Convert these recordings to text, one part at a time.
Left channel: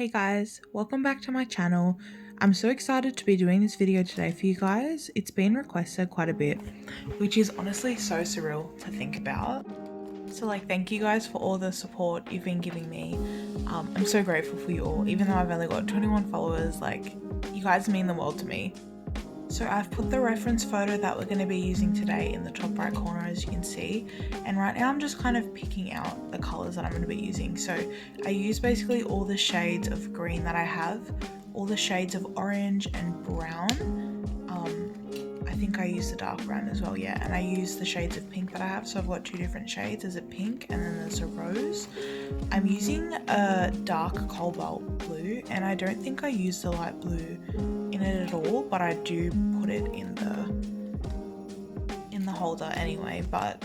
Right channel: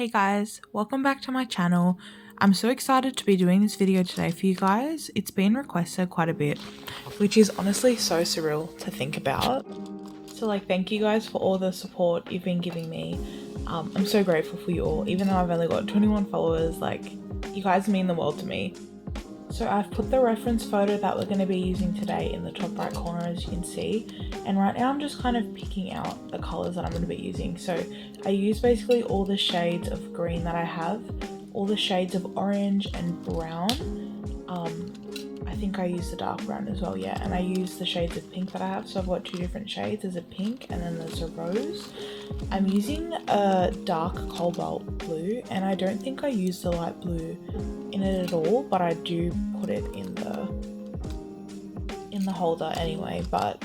Hey guys, welcome back to my channel. I'm so excited to be doing this video today for you guys. It's been requested quite a bit, which is honestly so surreal to think about. So thank you guys for all the support you've been giving me. I'm so grateful for you all, even though I've only got 21 followers, you guys mean the world to me. So I've put the reference photo that we're going to be using today in the top right corner, as you can see, and right now I'm just kind of picking out the colors that I'm going to be using. So I use basically all the shades of green that I have, all the shades of orange and brown. I think I use the dark brown as well, yeah, and I use the shades of pink that I have. So I've got two different shades. There's a pink and then there's a rose. I'm using a dark cobalt blue, and I don't think I use the light blue in it at all, but I do put it in the holder anyway, but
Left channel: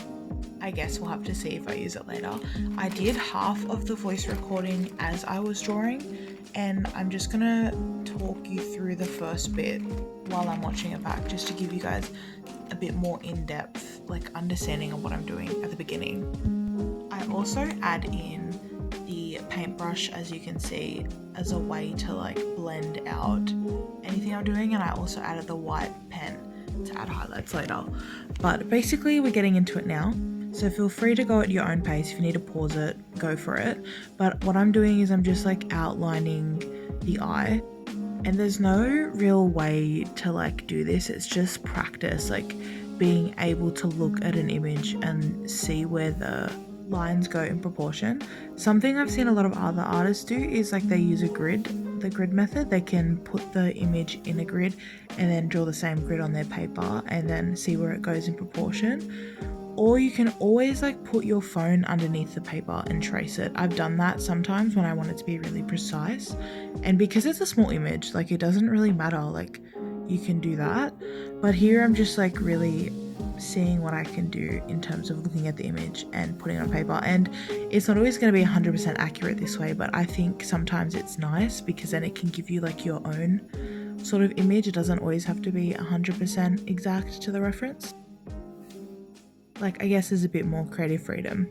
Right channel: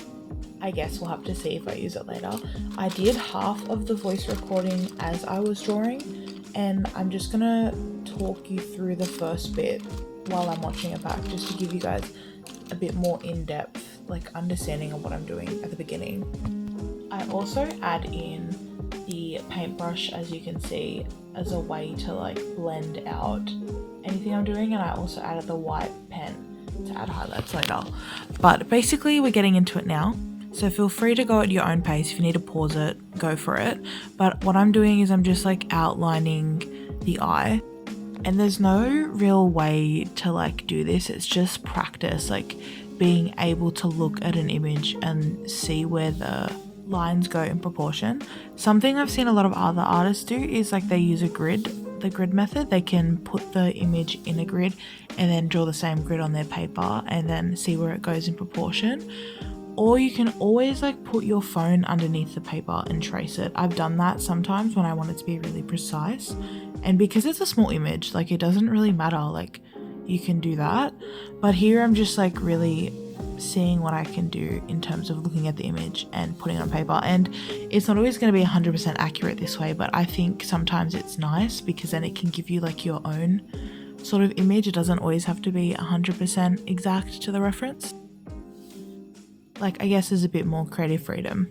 I guess we'll have to see if I use it later. I did half of the voice recording as I was drawing, and I'm just gonna talk you through the first bit while I'm watching it back, just to give you guys a bit more in-depth understanding of what I'm doing at the beginning. I also add in the paintbrush, as you can see, as a way to blend out anything I'm doing, and I also added the white pen to add highlights later. But basically we're getting into it now, so feel free to go at your own pace. If you need to pause it, go for it. But what I'm doing is I'm just outlining the eye, and there's no real way to do this. It's just practice, being able to look at an image and see where the lines go in proportion. Something I've seen a lot of other artists do is they use the grid method. They can put the image in a grid and then draw the same grid on their paper and then see where it goes in proportion. Or you can always put your phone underneath the paper and trace it. I've done that sometimes when I want it to be really precise, and because it's a small image, it doesn't really matter, you can do that. But here I'm just really seeing what I can do in terms of looking at the image and putting it on paper. And it's not always going to be 100% accurate this way, but I think sometimes it's nice because then it can give you your own sort of image. It doesn't always have to be 100% exact to the reference. I guess there's a bit more creative freedom.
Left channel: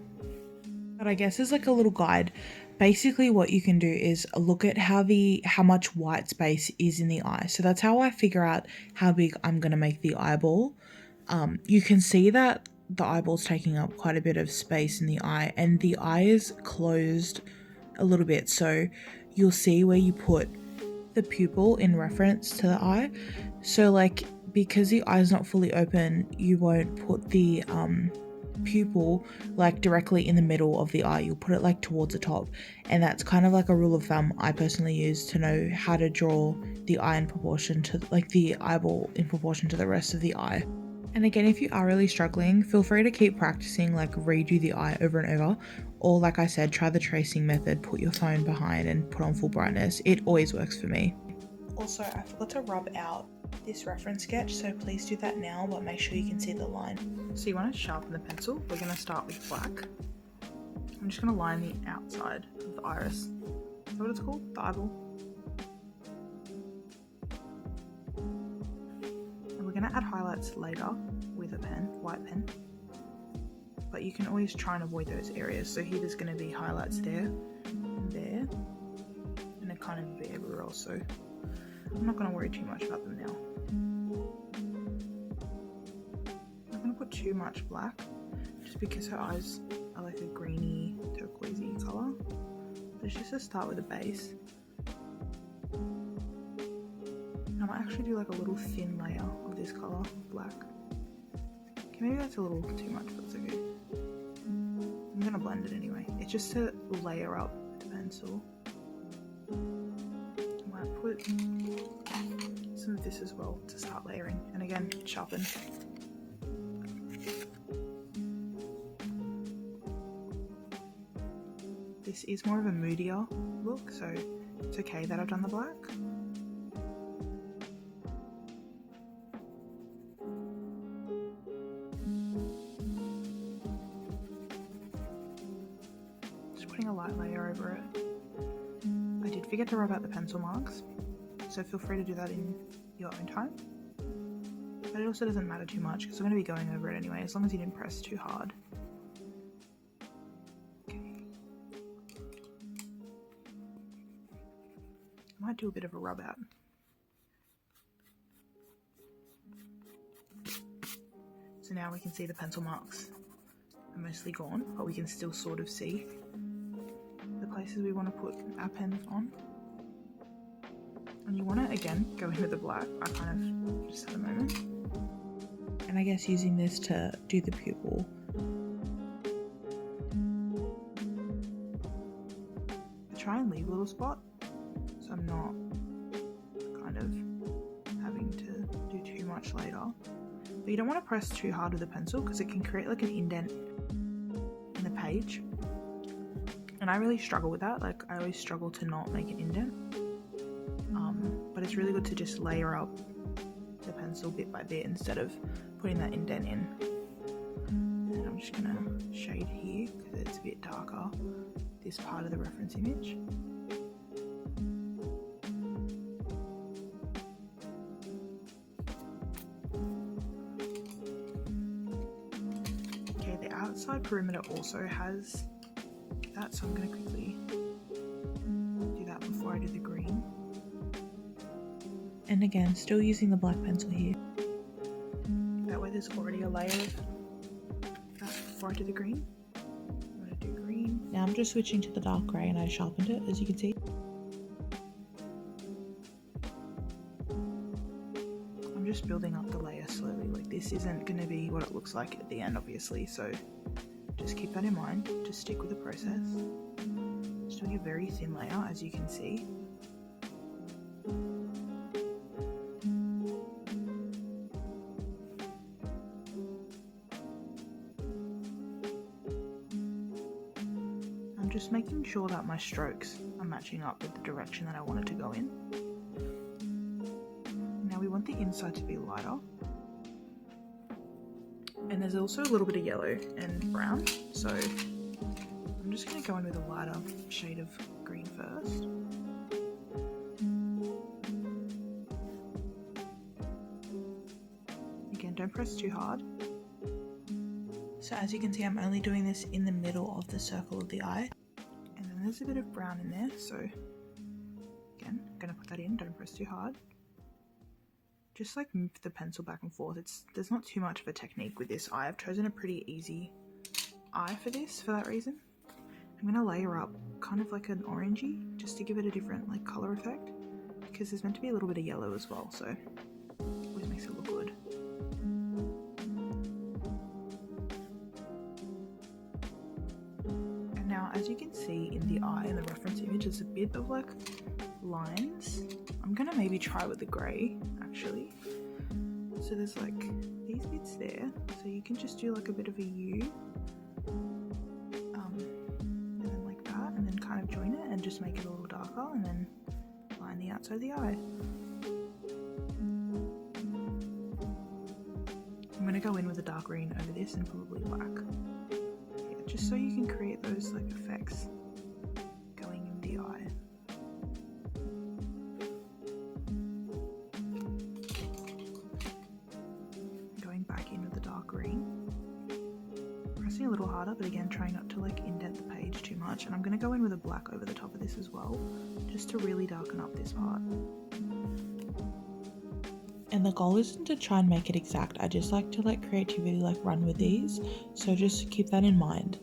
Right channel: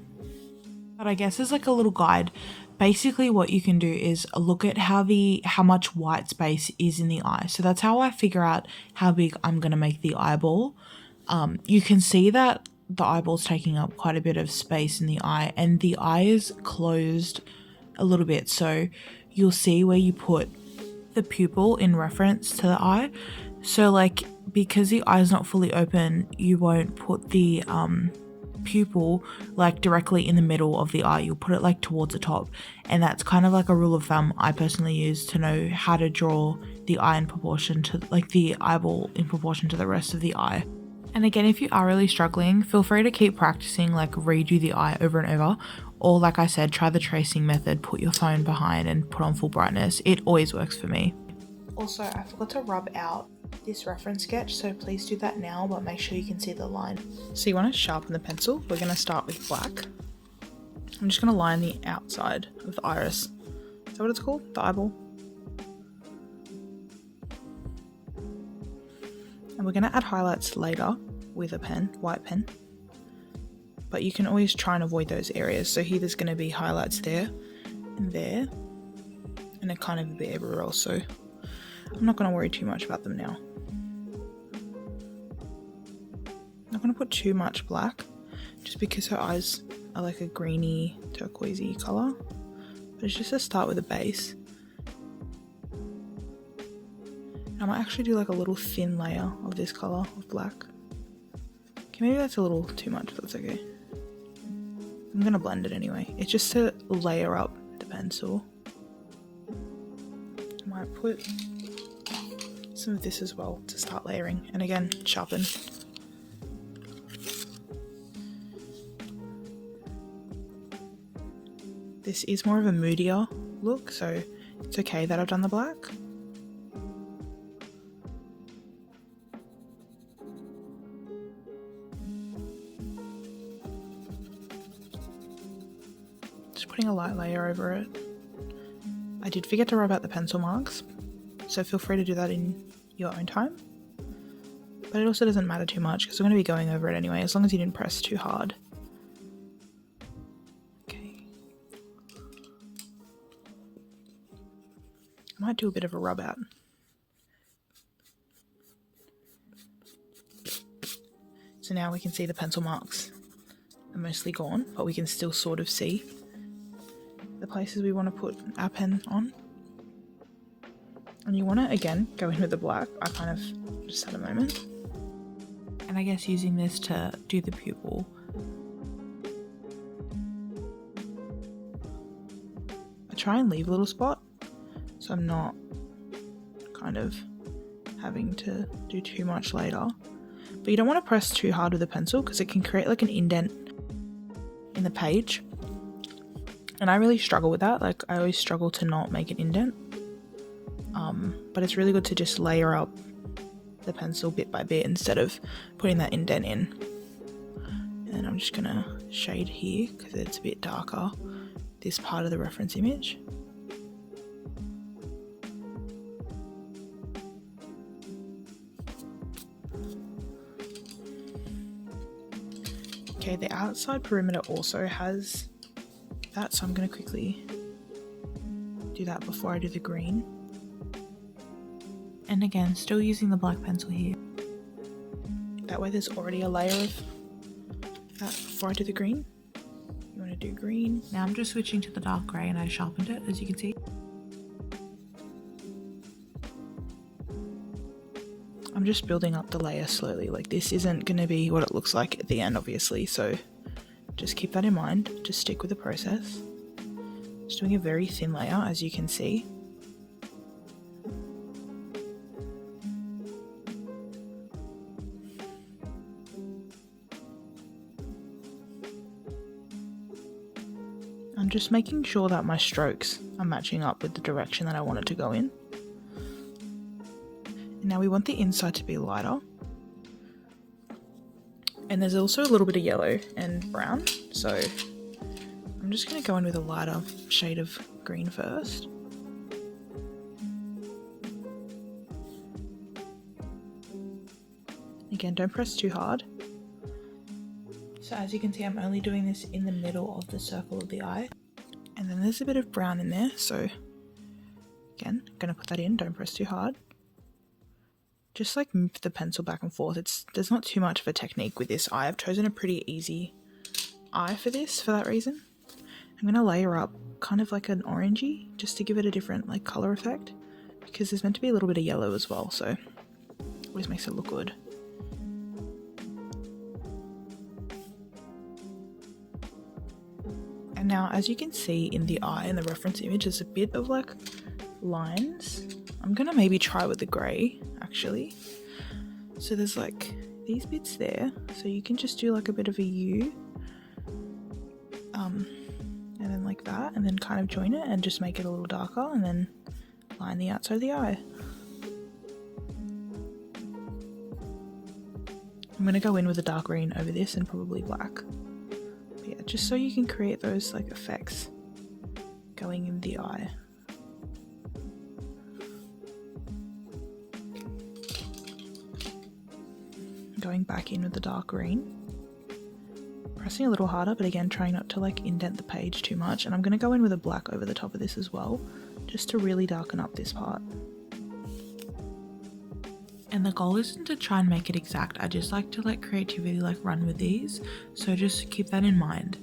But I guess there's a little guide. Basically what you can do is look at how much white space is in the eye. So that's how I figure out how big I'm going to make the eyeball. You can see that the eyeball's taking up quite a bit of space in the eye, and the eye is closed a little bit. So you'll see where you put the pupil in reference to the eye. So because the eye is not fully open, you won't put the pupil directly in the middle of the eye. You'll put it towards the top, and that's kind of a rule of thumb I personally use to know how to draw the eye in proportion to the eyeball in proportion to the rest of the eye. And again, if you are really struggling, feel free to keep practicing, redo the eye over and over, or like I said, try the tracing method, put your phone behind and put on full brightness. It always works for me. Also, I forgot to rub out this reference sketch, so please do that now, but make sure you can see the line. So you want to sharpen the pencil. We're going to start with black. I'm just going to line the outside of the iris. Is that what it's called? The eyeball? And we're going to add highlights later with a pen, white pen. But you can always try and avoid those areas. So here there's going to be highlights there and there, and a kind of a bit everywhere else. So I'm not going to worry too much about them now. I'm not going to put too much black, just because her eyes are a greeny, turquoisey colour. But it's just to start with a base. And I might actually do a little thin layer of this colour of black. Okay, maybe that's a little too much, but that's okay. I'm going to blend it anyway. It's just to layer up the pencil. I might put some of this as well to start layering, and again, sharpen. This is more of a moodier look, so it's okay that I've done the black. Just putting a light layer over it. I did forget to rub out the pencil marks, so feel free to do that in your own time. But it also doesn't matter too much because we're going to be going over it anyway, as long as you didn't press too hard. Okay. I might do a bit of a rub out. So now we can see the pencil marks are mostly gone, but we can still sort of see the places we want to put our pen on. And you want to, again, go in with the black. I kind of just had a moment. And I guess using this to do the pupil. I try and leave a little spot, so I'm not kind of having to do too much later. But you don't want to press too hard with a pencil because it can create like an indent in the page. And I really struggle with that. Like, I always struggle to not make an indent. But it's really good to just layer up the pencil bit by bit instead of putting that indent in. And then I'm just going to shade here because it's a bit darker, this part of the reference image. Okay, the outside perimeter also has that, so I'm going to quickly do that before I do the green. And again, still using the black pencil here. That way there's already a layer of that before I do the green. You want to do green. Now I'm just switching to the dark grey and I sharpened it, as you can see. I'm just building up the layer slowly. Like, this isn't going to be what it looks like at the end, obviously, so just keep that in mind. Just stick with the process. Just doing a very thin layer, as you can see. I'm just making sure that my strokes are matching up with the direction that I want it to go in. And now we want the inside to be lighter. And there's also a little bit of yellow and brown, so I'm just going to go in with a lighter shade of green first. Again, don't press too hard. So as you can see, I'm only doing this in the middle of the circle of the eye. And then there's a bit of brown in there, so again, I'm going to put that in, don't press too hard. Just like move the pencil back and forth. There's not too much of a technique with this eye. I've chosen a pretty easy eye for this, for that reason. I'm going to layer up kind of like an orangey, just to give it a different like colour effect, because there's meant to be a little bit of yellow as well, so always makes it look good. And now, as you can see in the eye in the reference image, there's a bit of like lines. I'm gonna maybe try with the grey actually. So there's like these bits there, so you can just do like a bit of a U, and then like that, and then kind of join it and just make it a little darker, and then line the outside of the eye. I'm gonna go in with a dark green over this and probably black. Yeah, just so you can create those like effects going in the eye. Going back in with the dark green, pressing a little harder, but again trying not to like indent the page too much. And I'm going to go in with a black over the top of this as well, just to really darken up this part. And the goal isn't to try and make it exact. I just like to let creativity like run with these, so just keep that in mind.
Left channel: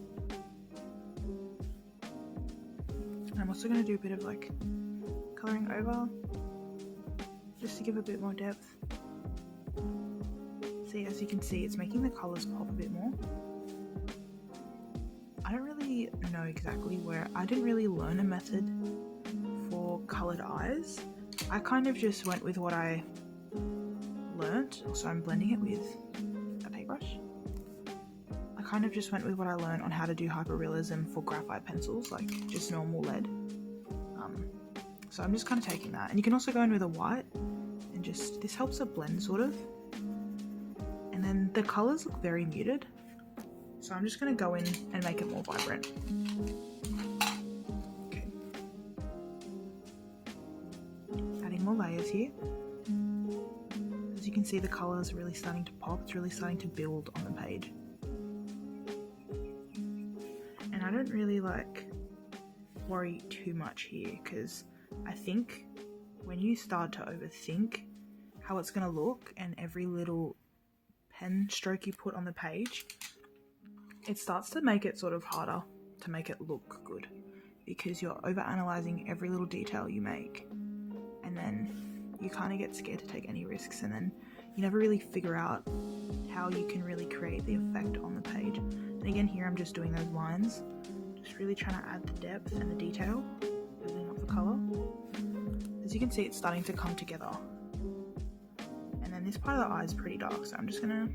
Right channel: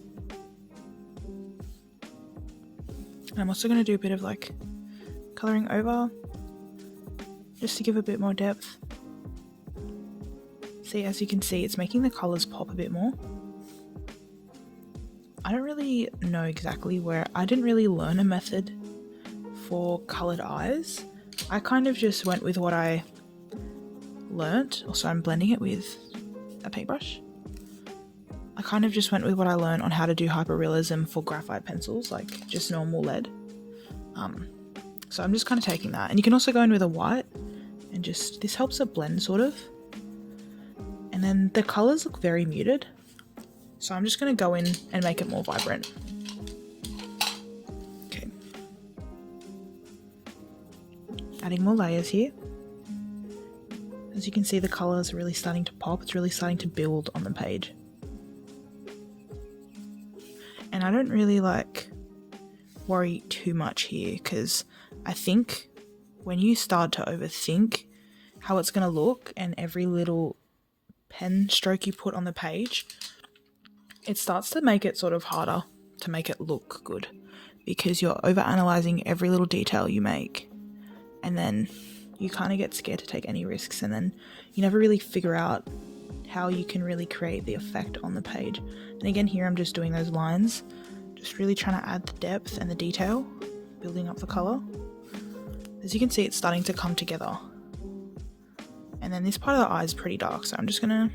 And I'm also going to do a bit of like colouring over, just to give a bit more depth. See, as you can see, it's making the colours pop a bit more. I don't really know exactly where, I didn't really learn a method for coloured eyes. I kind of just went with what I learnt. Also, I'm blending it with a paintbrush. I kind of just went with what I learned on how to do hyperrealism for graphite pencils, like just normal lead. So I'm just kind of taking that. And you can also go in with a white and just, this helps it blend sort of. And then the colours look very muted, so I'm just going to go in and make it more vibrant. Okay. Adding more layers here. As you can see, the colours are really starting to pop. It's really starting to build on the page. And I don't really like worry too much here, because I think when you start to overthink how it's going to look and every little pen stroke you put on the page, it starts to make it sort of harder to make it look good, because you're overanalyzing every little detail you make, and then you kind of get scared to take any risks, and then you never really figure out how you can really create the effect on the page. And again, here I'm just doing those lines, just really trying to add the depth and the detail, building up the color. As you can see, it's starting to come together. And then this part of the eye is pretty dark, so I'm just gonna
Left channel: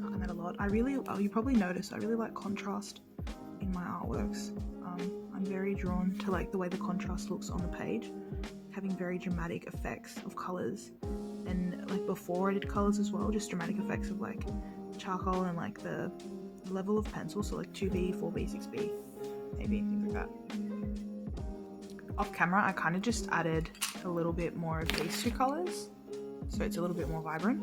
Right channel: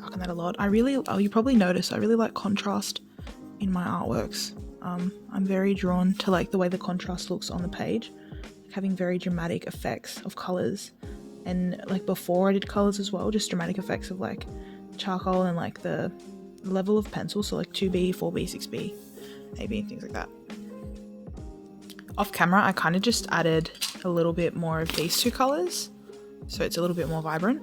darken that a lot. You probably notice I really like contrast in my artworks. I'm very drawn to like the way the contrast looks on the page, having very dramatic effects of colors. And like before I did colors as well, just dramatic effects of like charcoal and like the level of pencil, so like 2B, 4B, 6B, AB, things like that. Off camera, I kind of just added a little bit more of these two colors, so it's a little bit more vibrant.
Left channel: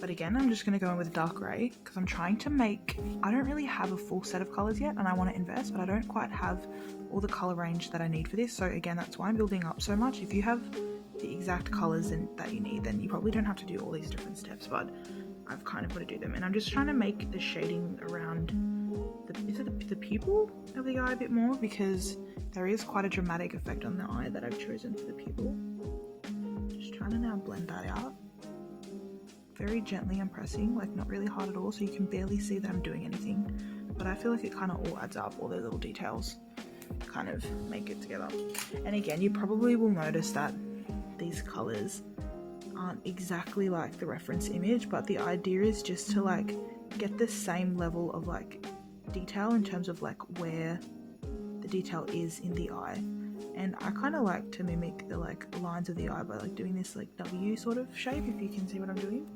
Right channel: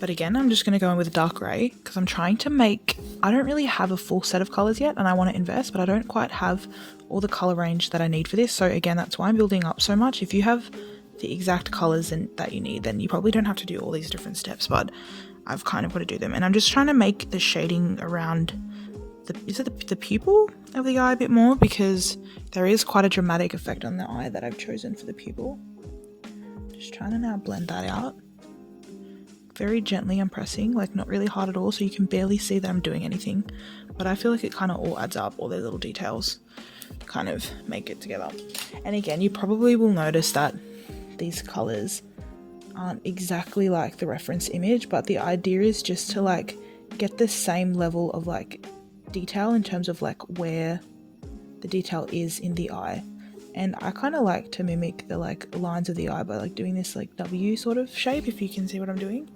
But again, I'm just going to go in with a dark grey, because I'm trying to make, I don't really have a full set of colours yet, and I want to invest, but I don't quite have all the colour range that I need for this. So again, that's why I'm building up so much. If you have the exact colours that you need, then you probably don't have to do all these different steps, but I've kind of got to do them. And I'm just trying to make the shading around the pupil of the eye a bit more, because there is quite a dramatic effect on the eye that I've chosen for the pupil. Just trying to now blend that out. Very gently I'm pressing, like not really hard at all, so you can barely see that I'm doing anything, but I feel like it kind of all adds up, all those little details kind of make it together. And again, you probably will notice that these colors aren't exactly like the reference image, but the idea is just to like get the same level of like detail in terms of like where the detail is in the eye. And I kind of like to mimic the like lines of the eye by like doing this like W sort of shape, if you can see what I'm doing.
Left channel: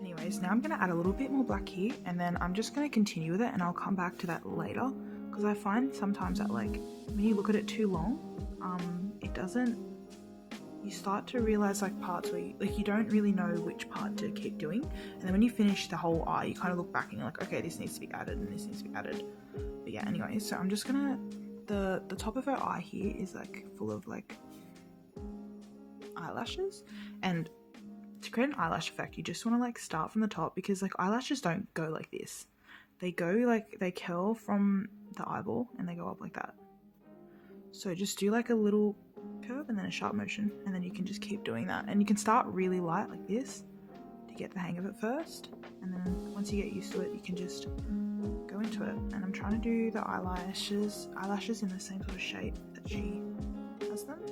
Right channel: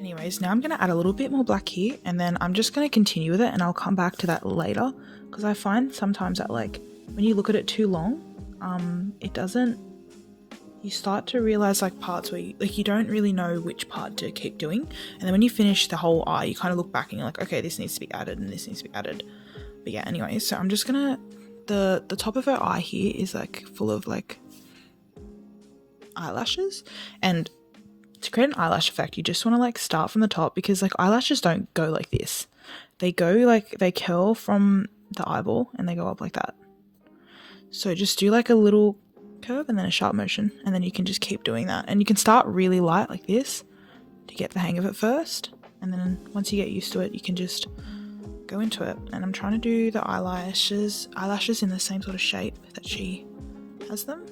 Anyways, now I'm going to add a little bit more black here, and then I'm just going to continue with it, and I'll come back to that later, because I find sometimes that like when you look at it too long, you start to realize like parts where you don't really know which part to keep doing, and then when you finish the whole eye, you kind of look back and you're like, okay, this needs to be added and this needs to be added. But yeah, anyway, so I'm just gonna, the top of her eye here is like full of like eyelashes, and to create an eyelash effect, you just want to like start from the top, because like eyelashes don't go like this. They go like, they curl from the eyeball and they go up like that. So just do like a little curve and then a sharp motion, and then you can just keep doing that. And you can start really light like this to get the hang of it first, and then once you get used to it, you can just go into it. And I'm trying to do the eyelashes in the same sort of shape that she has them,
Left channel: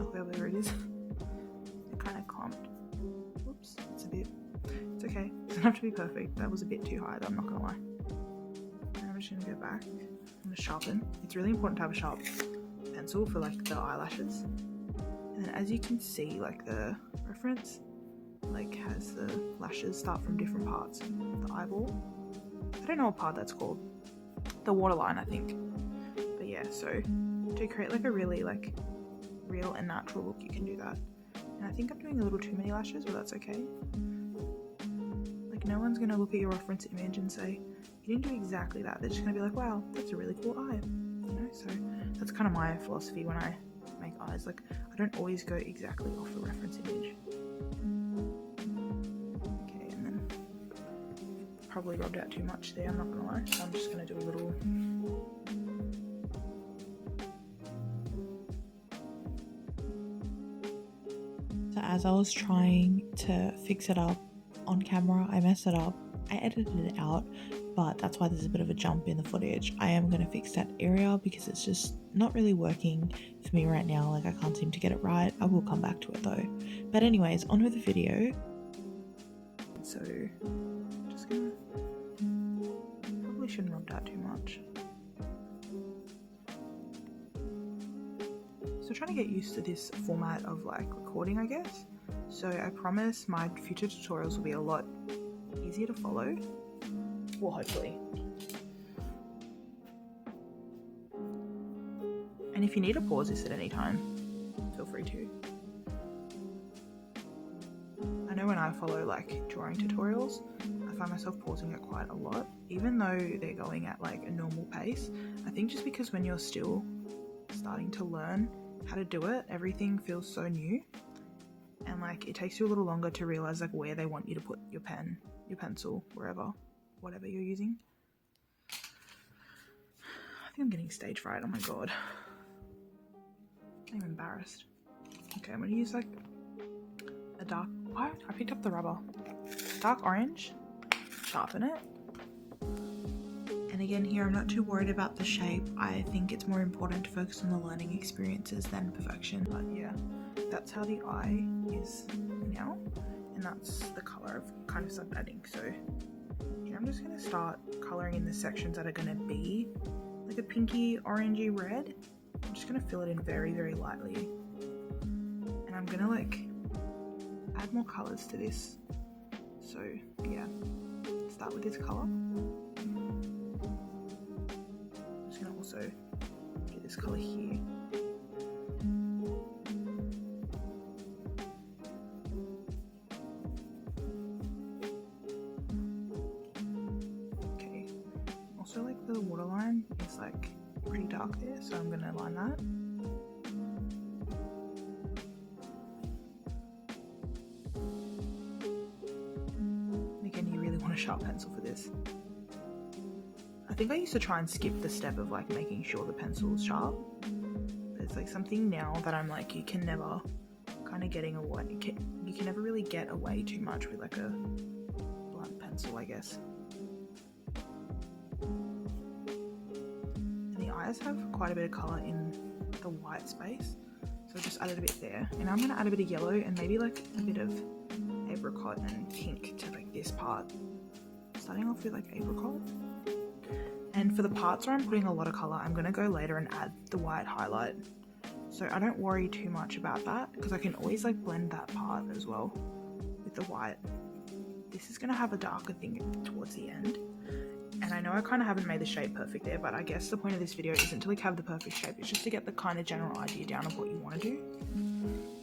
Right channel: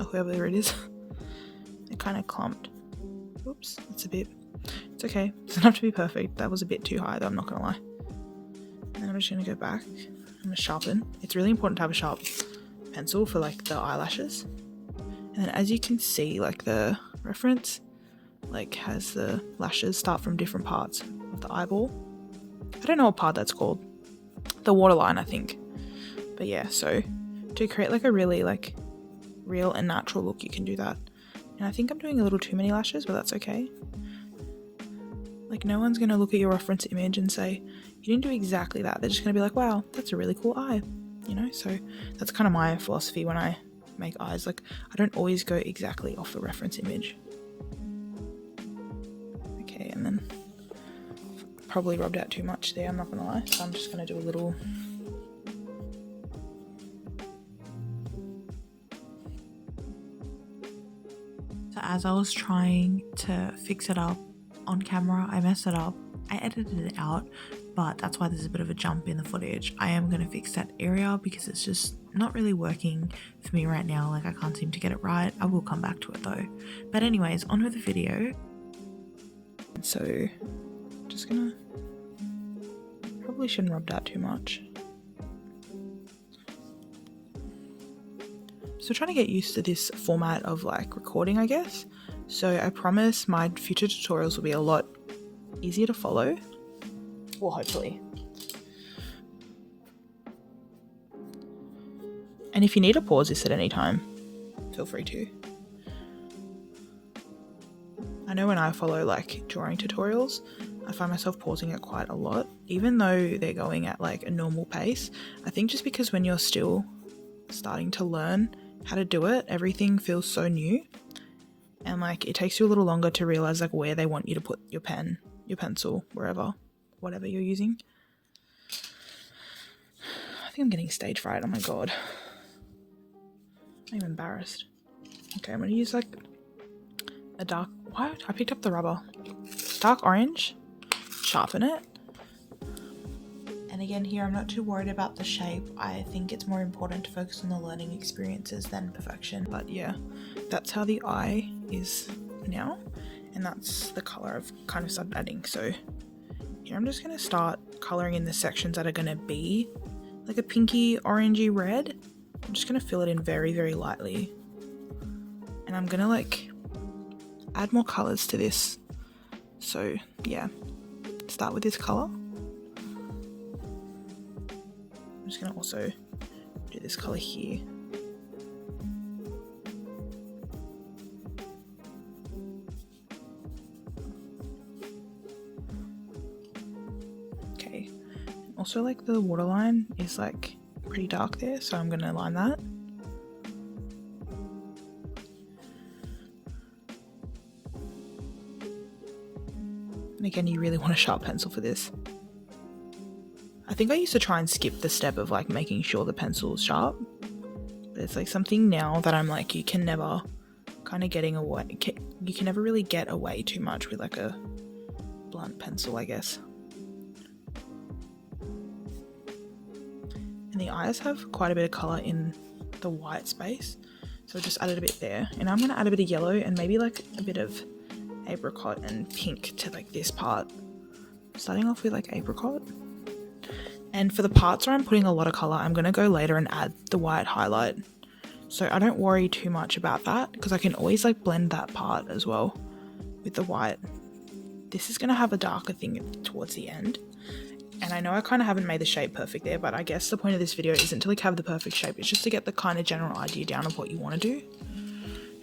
or whoever it is. They're kind of clumped. Oops, it's okay. It doesn't have to be perfect. That was a bit too high though, I'm not gonna lie. And then I'm just gonna go back. I'm gonna sharpen. It's really important to have a sharp pencil for like the eyelashes. And then as you can see, like the reference like has the lashes start from different parts of the eyeball. I don't know what part that's called. The waterline, I think. But yeah, so to create like a really like real and natural look, you can do that. And I think I'm doing a little too many lashes, but that's okay. Like no one's going to look at your reference image and say, you didn't do exactly that. They're just going to be like, wow, that's a really cool eye, you know? So that's kind of my philosophy when I make eyes. Like I don't always go exactly off the reference image. Okay, and then probably rubbed out too much there, I'm not going to lie. So I'm just going to do a little... So as I was trying to fix it up on camera, I messed it up. I edited it out, but that's why there's a bit of a jump in the footage. I am going to fix that area because it's just not really working for me right now. Like I can't seem to get it right. I will come back to it though. But anyways, on with the video. So just gonna, probably shouldn't rub that too much. So trying to get used to this format of like recording, I guess. So I promise my future tutorials will be a lot easier to follow. Well, hopefully. And if you need to pause this at any time, feel free to. I know when I follow like drawing tutorials, I find myself pausing it quite a lot, even though they're going at like a normal pace. I think just because when you're still starting to learn how to do it, everything feels so new. And like it takes you a little longer to realize like where they want you to put your pen, your pencil, wherever, whatever you're using. I think I'm getting stage fright. Oh my god. I'm embarrassed. Okay, I'm gonna use like a dark, what? I picked up the rubber. Dark orange. Sharpen it. And again here, I'm not too worried about the shape. I think it's more important to focus on the learning experiences than perfection. But yeah, that's how the eye is now. And that's the color I've kind of started adding. So here I'm just going to start coloring in the sections that are going to be like a pinky orangey red. I'm just going to fill it in very, very lightly. And I'm going to like add more colors to this. So yeah, start with this color. I'm just going to also do this color here. Okay, also like the waterline is like pretty dark there, so I'm going to line that. And again, you really want a sharp pencil for this. I think I used to try and skip the step of like making sure the pencil is sharp. But it's like something now that I'm like, you can never kind of getting away. You can never really get away too much with like a blunt pencil, I guess. And the eyes have quite a bit of color in the white space. So I just added a bit there. And I'm going to add a bit of yellow and maybe like a bit of apricot and pink to like this part. Starting off with like apricot. And for the parts where I'm putting a lot of color, I'm going to go later and add the white highlight. So I don't worry too much about that because I can always like blend that part as well with the white. This is going to have a darker thing towards the end. And I know I kind of haven't made the shape perfect there, but I guess the point of this video isn't to like have the perfect shape. It's just to get the kind of general idea down of what you want to do.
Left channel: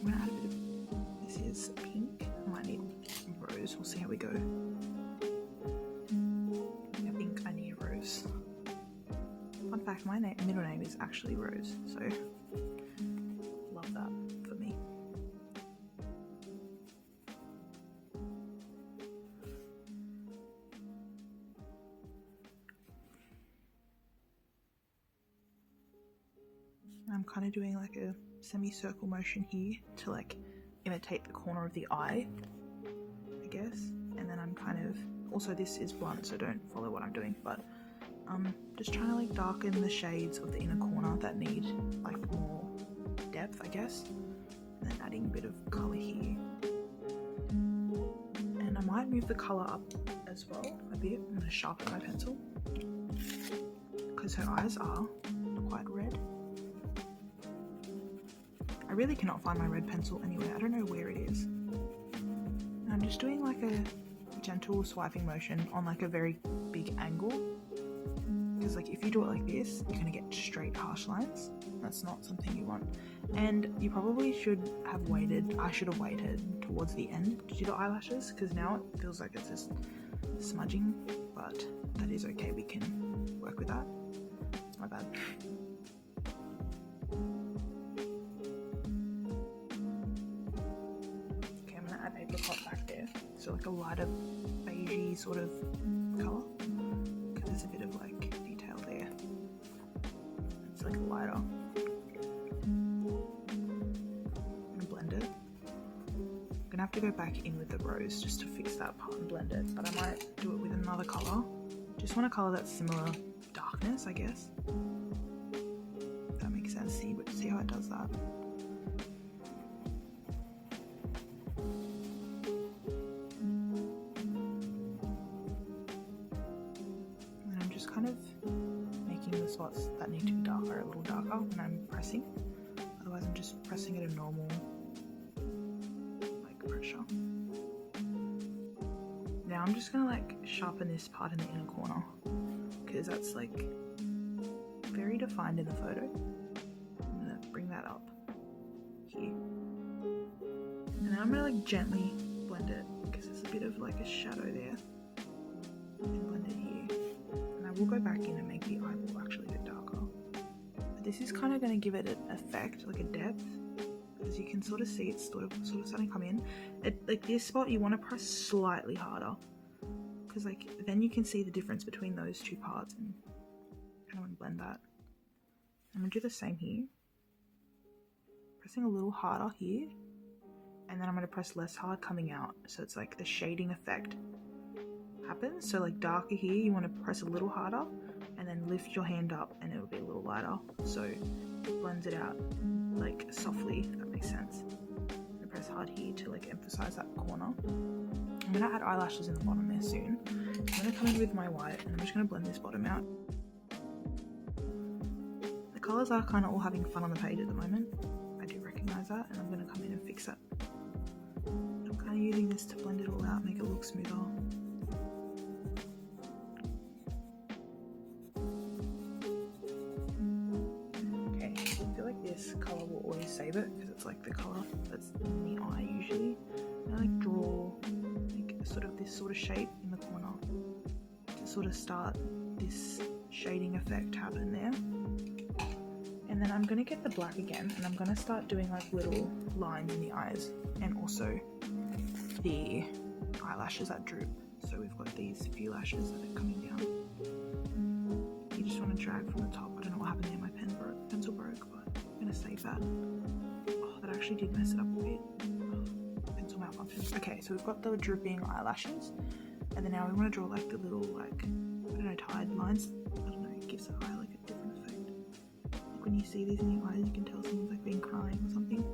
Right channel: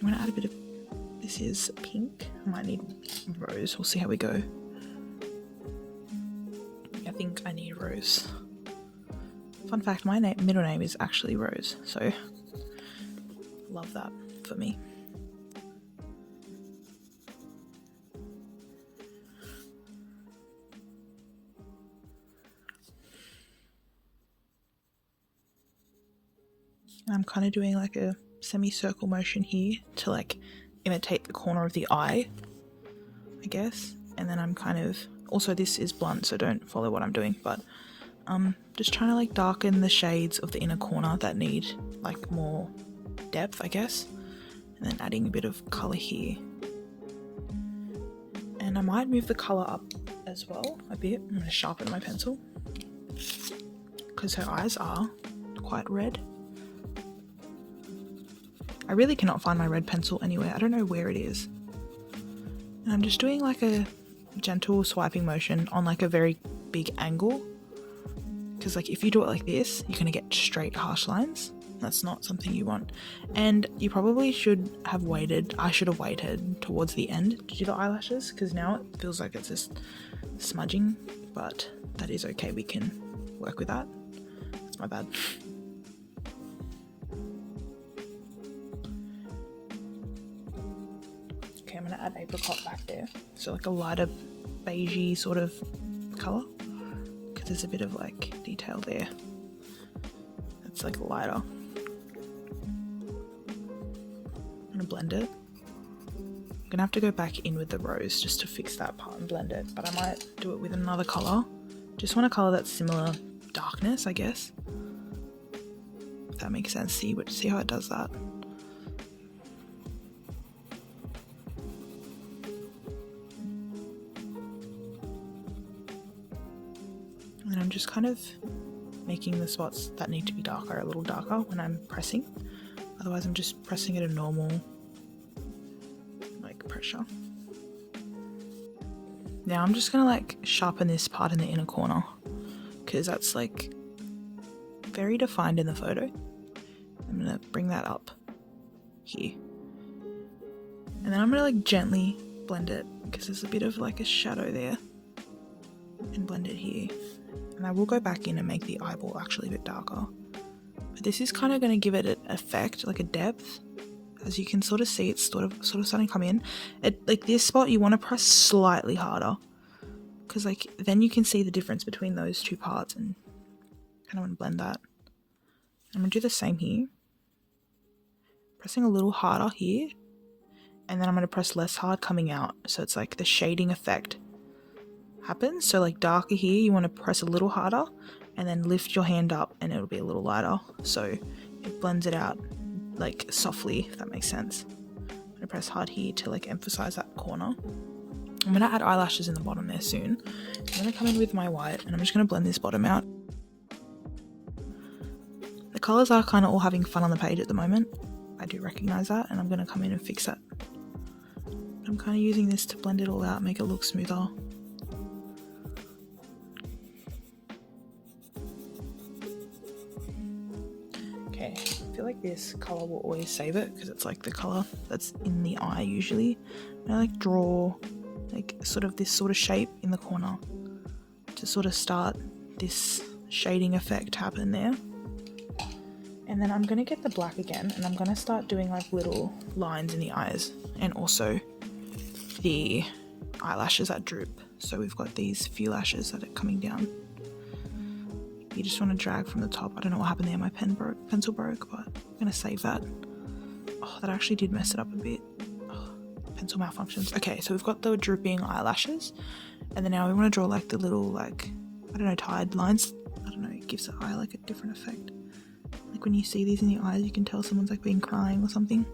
I'm going to add a bit of, this is pink. I might need rose. We'll see how we go. I think I need rose. Fun fact, my middle name is actually Rose, so love that for me. I'm kind of doing like a semicircle motion here to like imitate the corner of the eye, I guess. And then I'm kind of, also this is blunt, so don't follow what I'm doing, but just trying to like darken the shades of the inner corner that need like more depth, I guess. And then adding a bit of color here. And I might move the color up as well a bit. I'm going to sharpen my pencil because her eyes are quite red. I really cannot find my red pencil anywhere. I don't know where it is. And I'm just doing like a gentle swiping motion on like a very big angle. Because like if you do it like this, you're going to get straight harsh lines. That's not something you want. And you probably should have waited. I should have waited towards the end to do the eyelashes, because now it feels like it's just smudging, but that is okay. We can work with that. That's my bad. Okay, I'm going to add apricot back there. So like a lighter beigey sort of color. There's a bit of like detail there. It's like lighter. I'm gonna blend it. I'm gonna have to go back in with the rose just to fix that part and blend it, but I might do it with another color. Just want a color that's similar darkness, I guess. If that makes sense. See how it does that. And I'm just kind of making the spots that need to be darker a little darker when I'm pressing. Otherwise I'm just pressing at a normal like pressure. Now I'm just gonna like sharpen this part in the inner corner because that's like very defined in the photo. I'm gonna bring that up here. And then I'm gonna like gently blend it because there's a bit of like a shadow there, and blend it here. And I will go back in and make the eyeball actually a bit darker. But this is kind of going to give it an effect, like a depth. As you can sort of see, it's sort of starting to come in. Like this spot, you want to press slightly harder, because like then you can see the difference between those two parts, and kind of want to blend that. I'm going to do the same here, pressing a little harder here, and then I'm going to press less hard coming out, so it's like the shading effect happens. So like darker here, you want to press a little harder, and then lift your hand up and it'll be a little lighter, so it blends it out like softly, if that makes sense. I'm gonna press hard here to like emphasize that corner. I'm gonna add eyelashes in the bottom there soon. I'm gonna come in with my white and I'm just gonna blend this bottom out. The colors are kind of all having fun on the page at the moment. I do recognize that, and I'm gonna come in and fix that. I'm kind of using this to blend it all out, make it look smoother. I feel like this color will always save it, because it's like the color that's in the eye usually. And I like draw like sort of this sort of shape in the corner to sort of start this shading effect happen there. And then I'm going to get the black again, and I'm going to start doing like little lines in the eyes, and also the eyelashes that droop. So we've got these few lashes that are coming down. You just want to drag from the top. I don't know what happened there, my pencil broke, but I'm going to save that. Oh, that actually did mess it up a bit. Oh, pencil malfunctions. Okay, so we've got the drooping eyelashes, and then now we want to draw like the little, like, I don't know, tied lines. I don't know, it gives the eye like a different effect. Like when you see these in the eyes, you can tell someone's like been crying or something.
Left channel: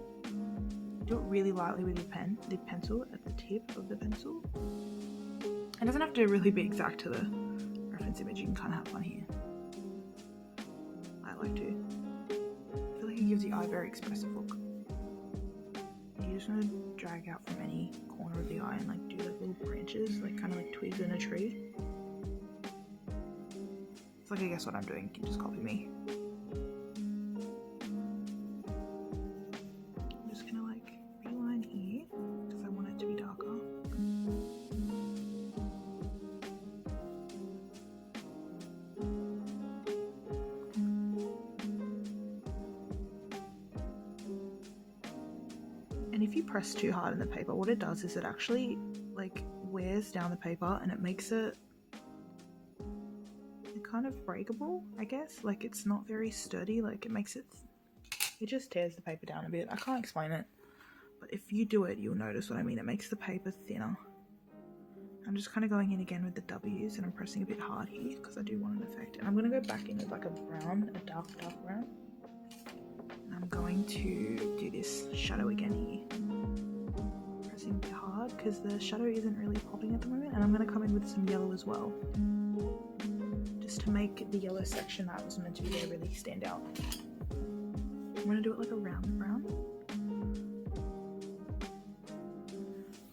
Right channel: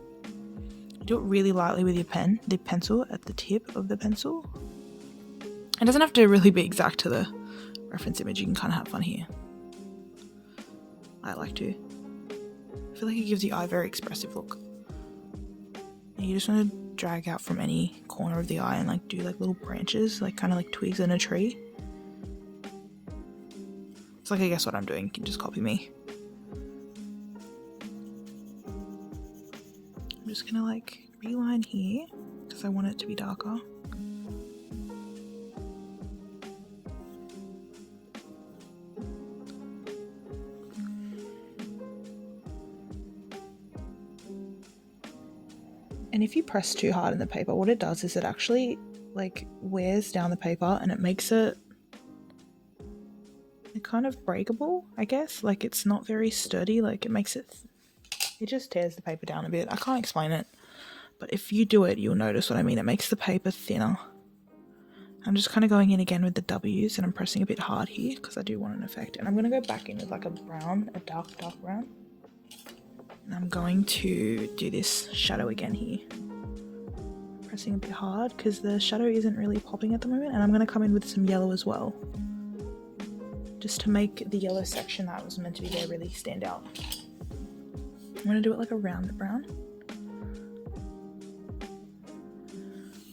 Do it really lightly with your the pencil at the tip of the pencil. It doesn't have to really be exact to the reference image. You can kind of have fun here. I like to. I feel like it gives the eye a very expressive look. And you just want to drag out from any corner of the eye and like do like little branches, like kind of like twigs in a tree. It's like, I guess what I'm doing, you can just copy me. I'm just gonna like reline here because I want it to be darker. And if you press too hard in the paper, what it does is it actually like wears down the paper, and it makes it kind of breakable, I guess. Like it's not very sturdy, like it makes it just tears the paper down a bit. I can't explain it, but if you do it, you'll notice what I mean. It makes the paper thinner. I'm just kind of going in again with the W's, and I'm pressing a bit hard here because I do want an effect. And I'm going to go back in with like a brown, a dark brown. And I'm going to do this shadow again here. Pressing a bit hard because the shadow isn't really popping at the moment, and I'm going to come in with some yellow as well, just to make the yellow section that was meant to be there really stand out. I'm going to do it like a round brown.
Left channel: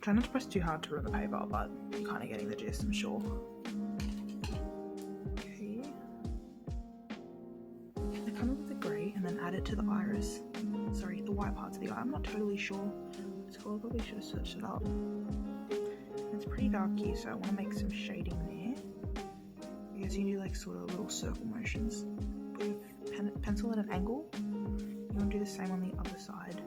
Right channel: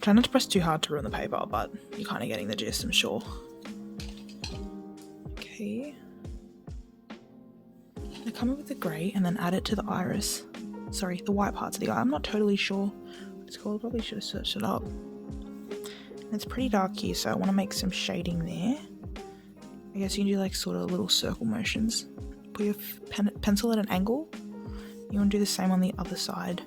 Try not to press too hard to ruin the paper, but you're kind of getting the gist, I'm sure. Okay. I come in with the grey and then add it to the iris. Sorry, the white parts of the eye. I'm not totally sure what it's called. Probably should have searched it up. And it's pretty dark here, so I want to make some shading there. I guess you can do like sort of little circle motions. Put your pencil at an angle. You want to do the same on the other side.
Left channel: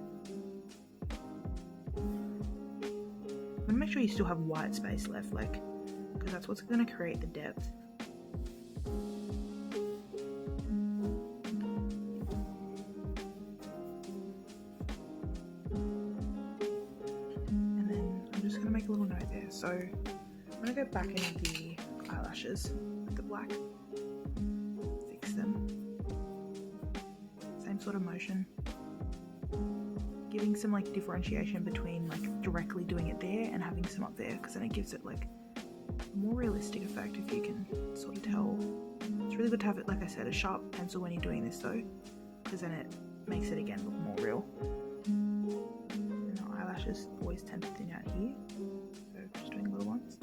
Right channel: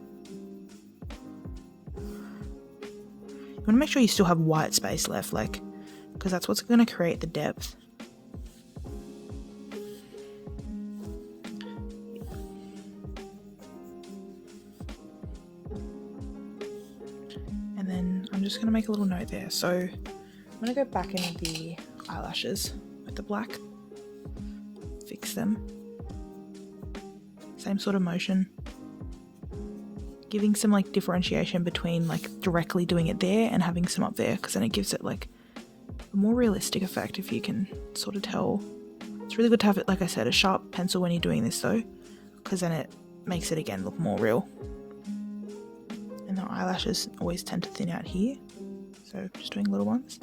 You want to make sure you still have white space left, like, because that's what's going to create the depth. And then I'm just going to make a little note there. So I'm going to go back in the eyelashes with the black, fix them. Same sort of motion, giving some like differentiation between like directly doing it there and having some up there, because then it gives it like a more realistic effect, if you can sort of tell. It's really good to have it, like I said, a sharp pencil when you're doing this though, because then it makes it again look more real. And the eyelashes always tend to thin out here, so just doing little ones.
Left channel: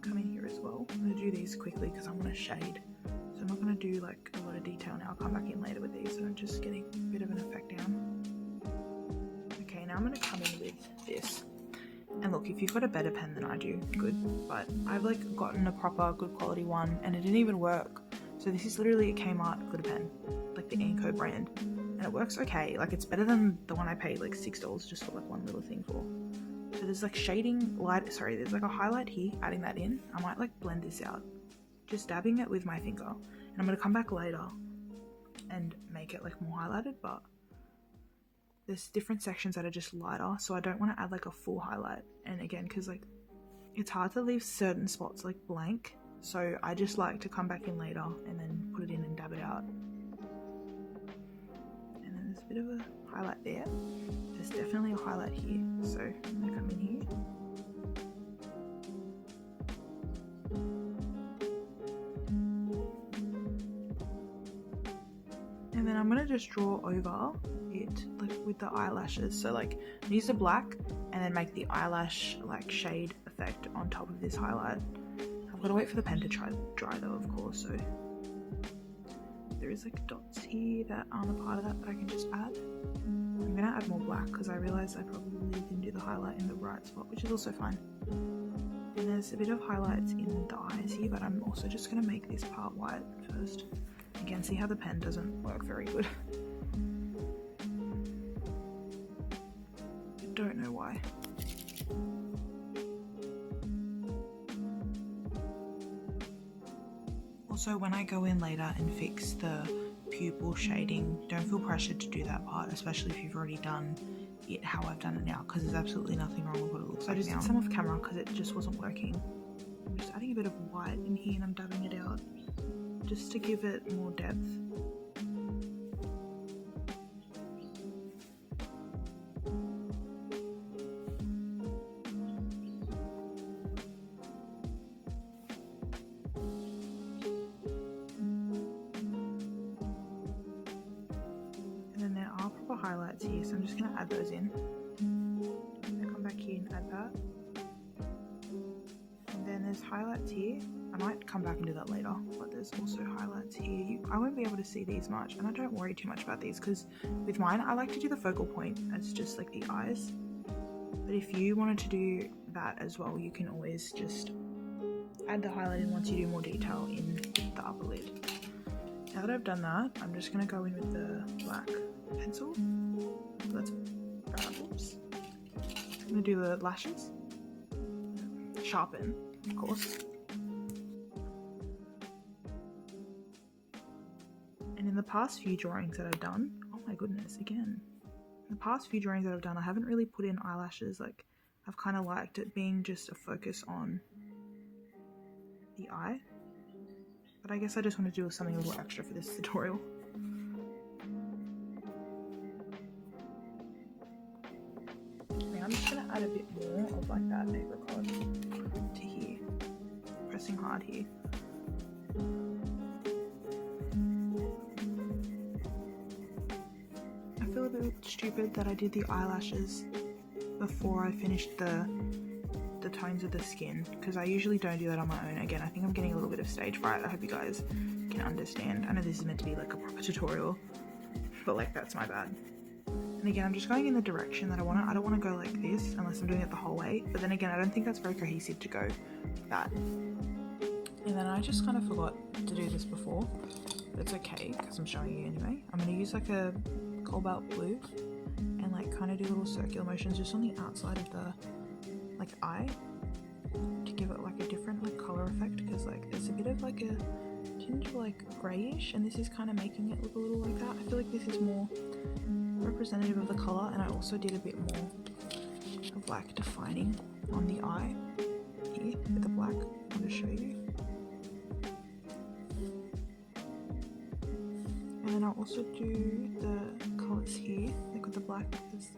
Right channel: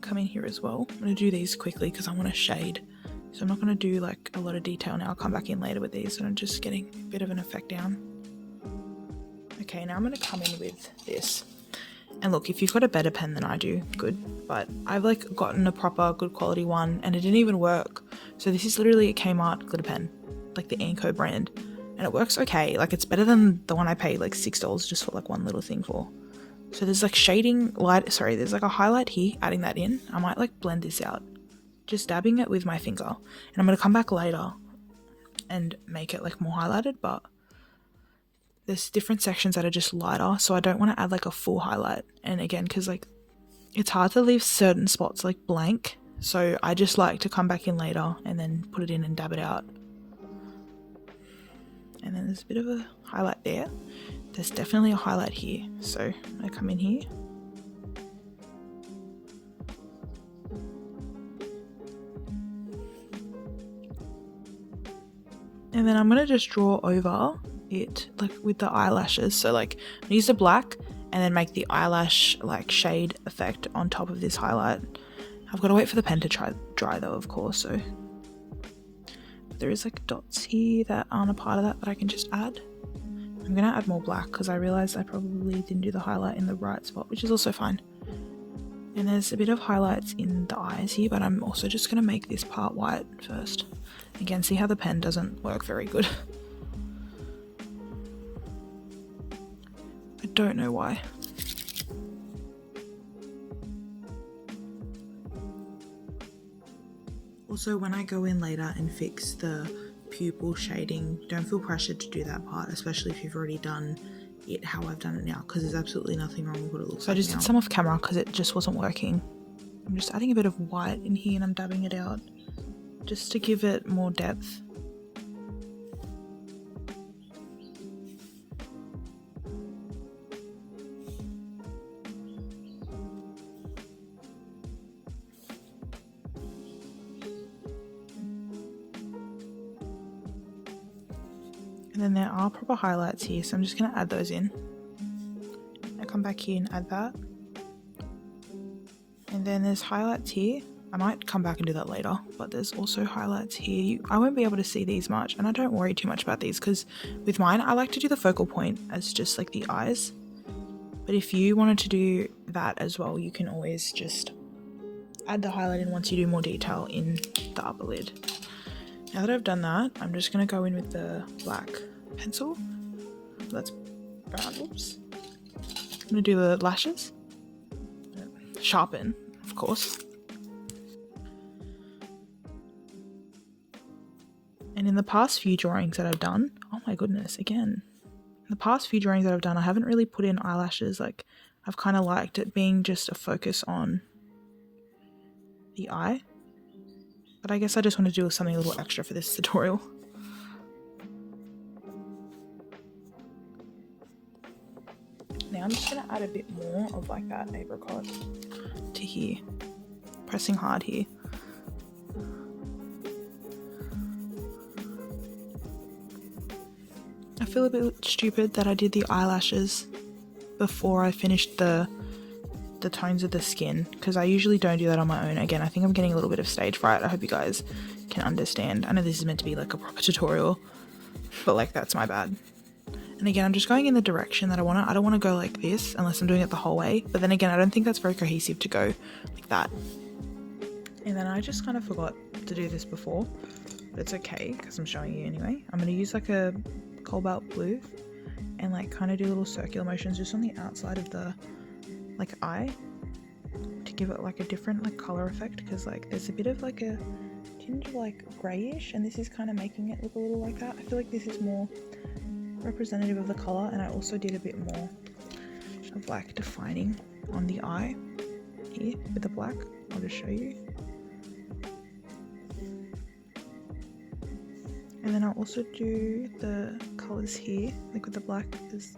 Come in here as well. I'm going to do these quickly because I want to shade. So I'm not going to do like a lot of detail now. I'll come back in later with these, so I'm just getting a bit of an effect down. Okay, now I'm going to come in with this. And look, if you've got a better pen than I do, good. But I've like gotten a proper good quality one and it didn't even work. So this is literally a Kmart glitter pen, like the Anko brand, and it works okay. Like it's better than the one I paid like $6 just for like one little thing for. So there's like shading light, sorry, there's like a highlight here, adding that in. I might like blend this out, just dabbing it with my finger, and I'm gonna come back later and make it like more highlighted, but there's different sections that are just lighter, so I don't want to add like a full highlight. And again, because like it's hard to leave certain spots like blank, so I just like to come back in later and then put it in and dab it out. And then there's a bit of a highlight there. There's definitely a highlight here, so I come in here. And then I'm going to just draw over it like with the eyelashes. So like use the black and then make the eyelash like shade effect on top of this highlight. I've got to wait for the pen to dry though, of course. So there is like dots here that aren't a part of that I can just add. I'm going to add more black because I realized I probably didn't do the highlight in the right spot, which is also fine. And there's a bit of highlights in the eyes here, but I'm also just going to make this part white first. Again, see how the pen doesn't work very good. I don't know why. Also, when I go in later and fix the pupil shading, don't feel pressured to do that part, especially if you've already done it how I've done it now, because there's absolutely nothing wrong with what it looks like. I just did some off camera because it just wasn't working. I'm just adding a bit of white in here and I'm dabbing it out just to give it more depth. And then there are proper highlights here, so I'm just going to add those in. I come back here and add that. And then there's highlights here. I might come back and do that later, but there's also highlights here. I won't be able to see these much, and I don't worry too much about these because with mine, I like to do the focal point as just like the eyes. But if you wanted to do that as well, you can always just add the highlight in once you do more detail in the upper lid. Now that I've done that, I'm just going to go in with the black pencil. That's brown. Oops. I'm going to do the lashes. Sharpen, of course. And in the past few drawings that I've done, oh my goodness, again. In the past few drawings that I've done, I haven't really put in eyelashes. Like, I've kind of liked it being just a focus on the eye. But I guess I just want to do something a little extra for this tutorial. Now I'm just going to add a bit more of like that apricot to here. Pressing hard here. I feel a bit stupid that I did the eyelashes before I finished the tones of the skin, because I usually don't do that on my own. Again, I think I'm getting a little bit of stage fright. I hope you guys can understand. I know this is meant to be like a proper tutorial, but like that's my bad. And again, I'm just going in the direction that I want to. I don't want to go like this unless I'm doing it the whole way. But then again, I don't think that's very cohesive to go like that. And then I just kind of forgot to do this before, but it's okay because I'm showing you anyway. I'm going to use like a cobalt blue and like kind of do little circular motions just on the outside of the like eye to give it like a different like color effect, because like there's a bit of like a tinge of like grayish, and this is kind of making it look a little like that. I feel like this is more representative of the color, and I also did a bit more of like defining on the eye here with the black. I'll just show you. And then I'll also do the colors here, like with the black is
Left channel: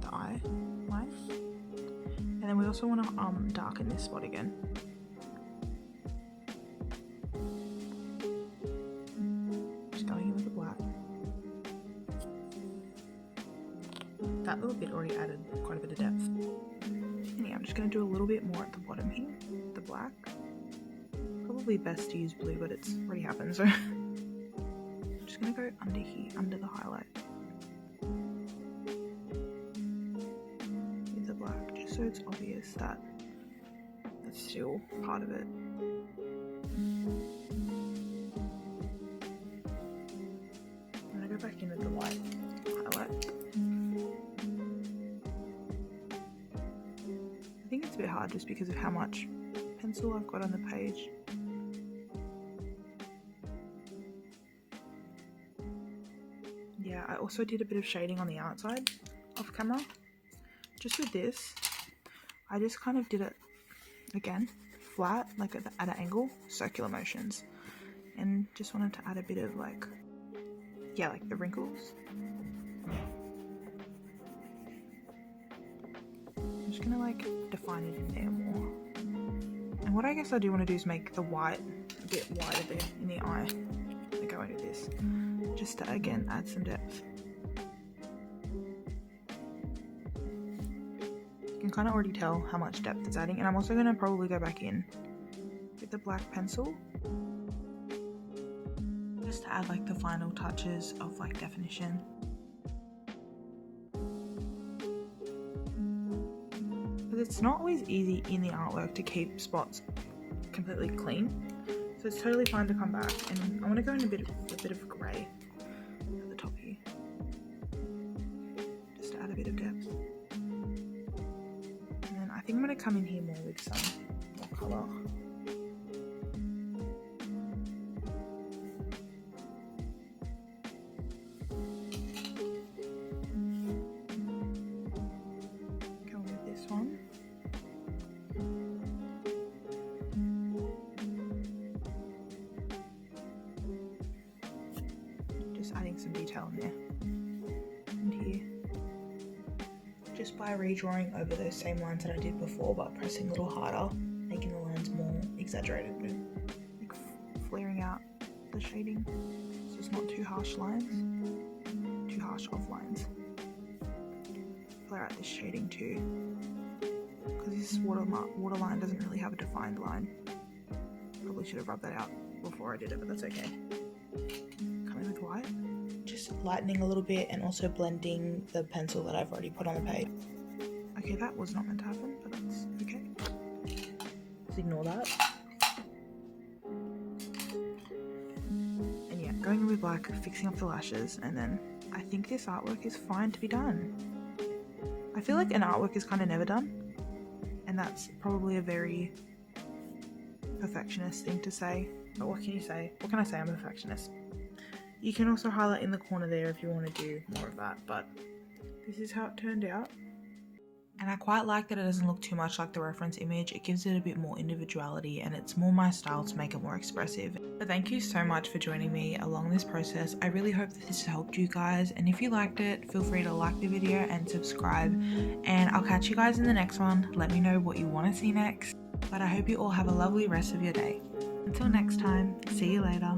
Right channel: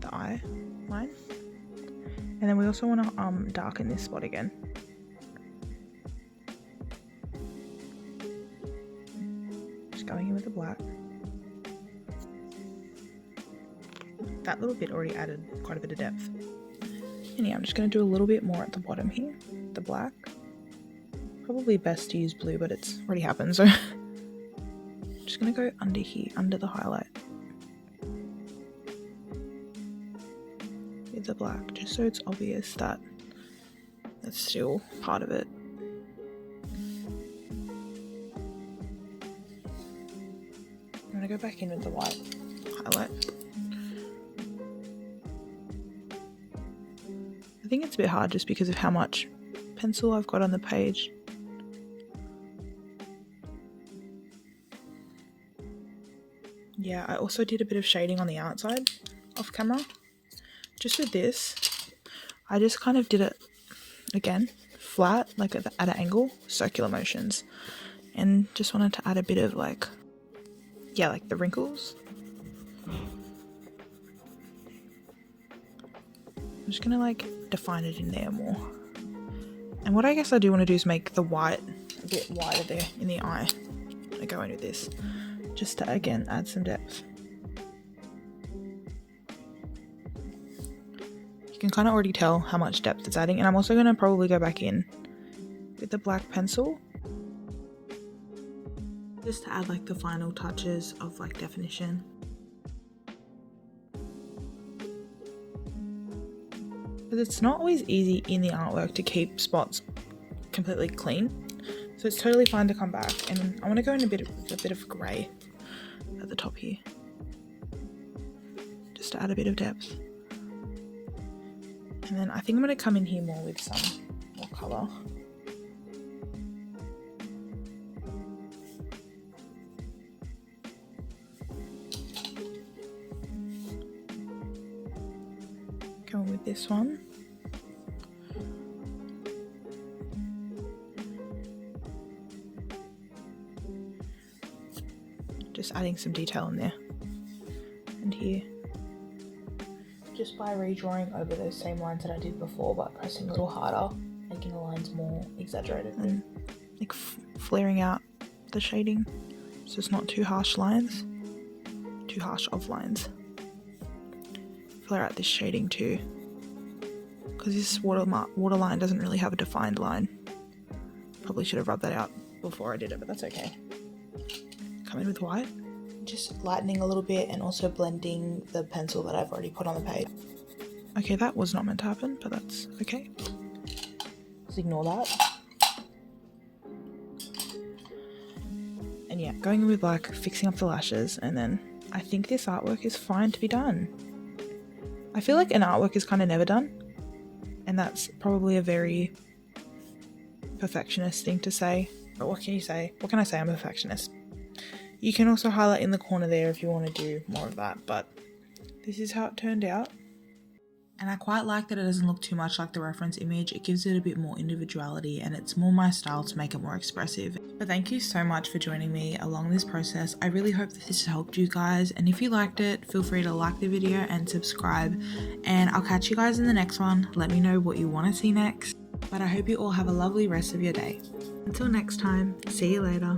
the eye line. And then we also want to darken this spot again. Just going in with the black. That little bit already added quite a bit of depth. And yeah, I'm just going to do a little bit more at the bottom here, the black. Probably best to use blue, but it's already happened, so just going to go under here, under the highlight with the black, just so it's obvious that that's still part of it. go back in with the white highlight. I think it's a bit hard just because of how much pencil I've got on the page. Yeah, I also did a bit of shading on the outside off camera. Just with this, I just kind of did it again, flat, like at an angle, circular motions. And just wanted to add a bit of like the wrinkles. I'm just gonna like define it in there more. And what I guess I do want to do is make the white a bit wider there in the eye. I go in with this, just to again add some depth. You can kind of already tell how much depth it's adding, and I'm also going to probably go back in with the black pencil just to add like the final touches of like definition. Because it's not always easy in the artwork to keep spots completely clean, so it's totally fine to come back. And I want to go in a bit of grey at the top here, just to add a bit of depth. And then I think I'm going to come in here more with some more colour. Going with this one. Just adding some detail in there and here. Just by redrawing over those same lines that I did before, but pressing a little harder, making the lines more exaggerated and like flaring out the shading, so it's not too harsh lines, too harsh of lines. Flare out this shading too, because this waterline doesn't really have a defined line. Probably should have rubbed that out before I did it, but that's okay. Come in with white. Just lightening a little bit and also blending the pencil that I've already put on the page. Okay, that was not meant to happen, but that's okay. Just ignore that. And yeah, going in with black, fixing up the lashes, and then I think this artwork is fine to be done. I feel like an artwork is kind of never done, and that's probably a very perfectionist thing to say. But what can you say? What can I say? I'm a perfectionist. You can also highlight in the corner there if you want to do more of that, but this is how it turned out. And I quite like that it doesn't look too much like the reference image. It gives it a bit more individuality, and it's more my style to make it more expressive. But thank you so much for joining me along this process. I really hope that this has helped you guys, and if you liked it, feel free to like the video and subscribe, and I'll catch you guys in the next one. Let me know what you want to see next, but I hope you all have a lovely rest of your day. Until next time, see you later.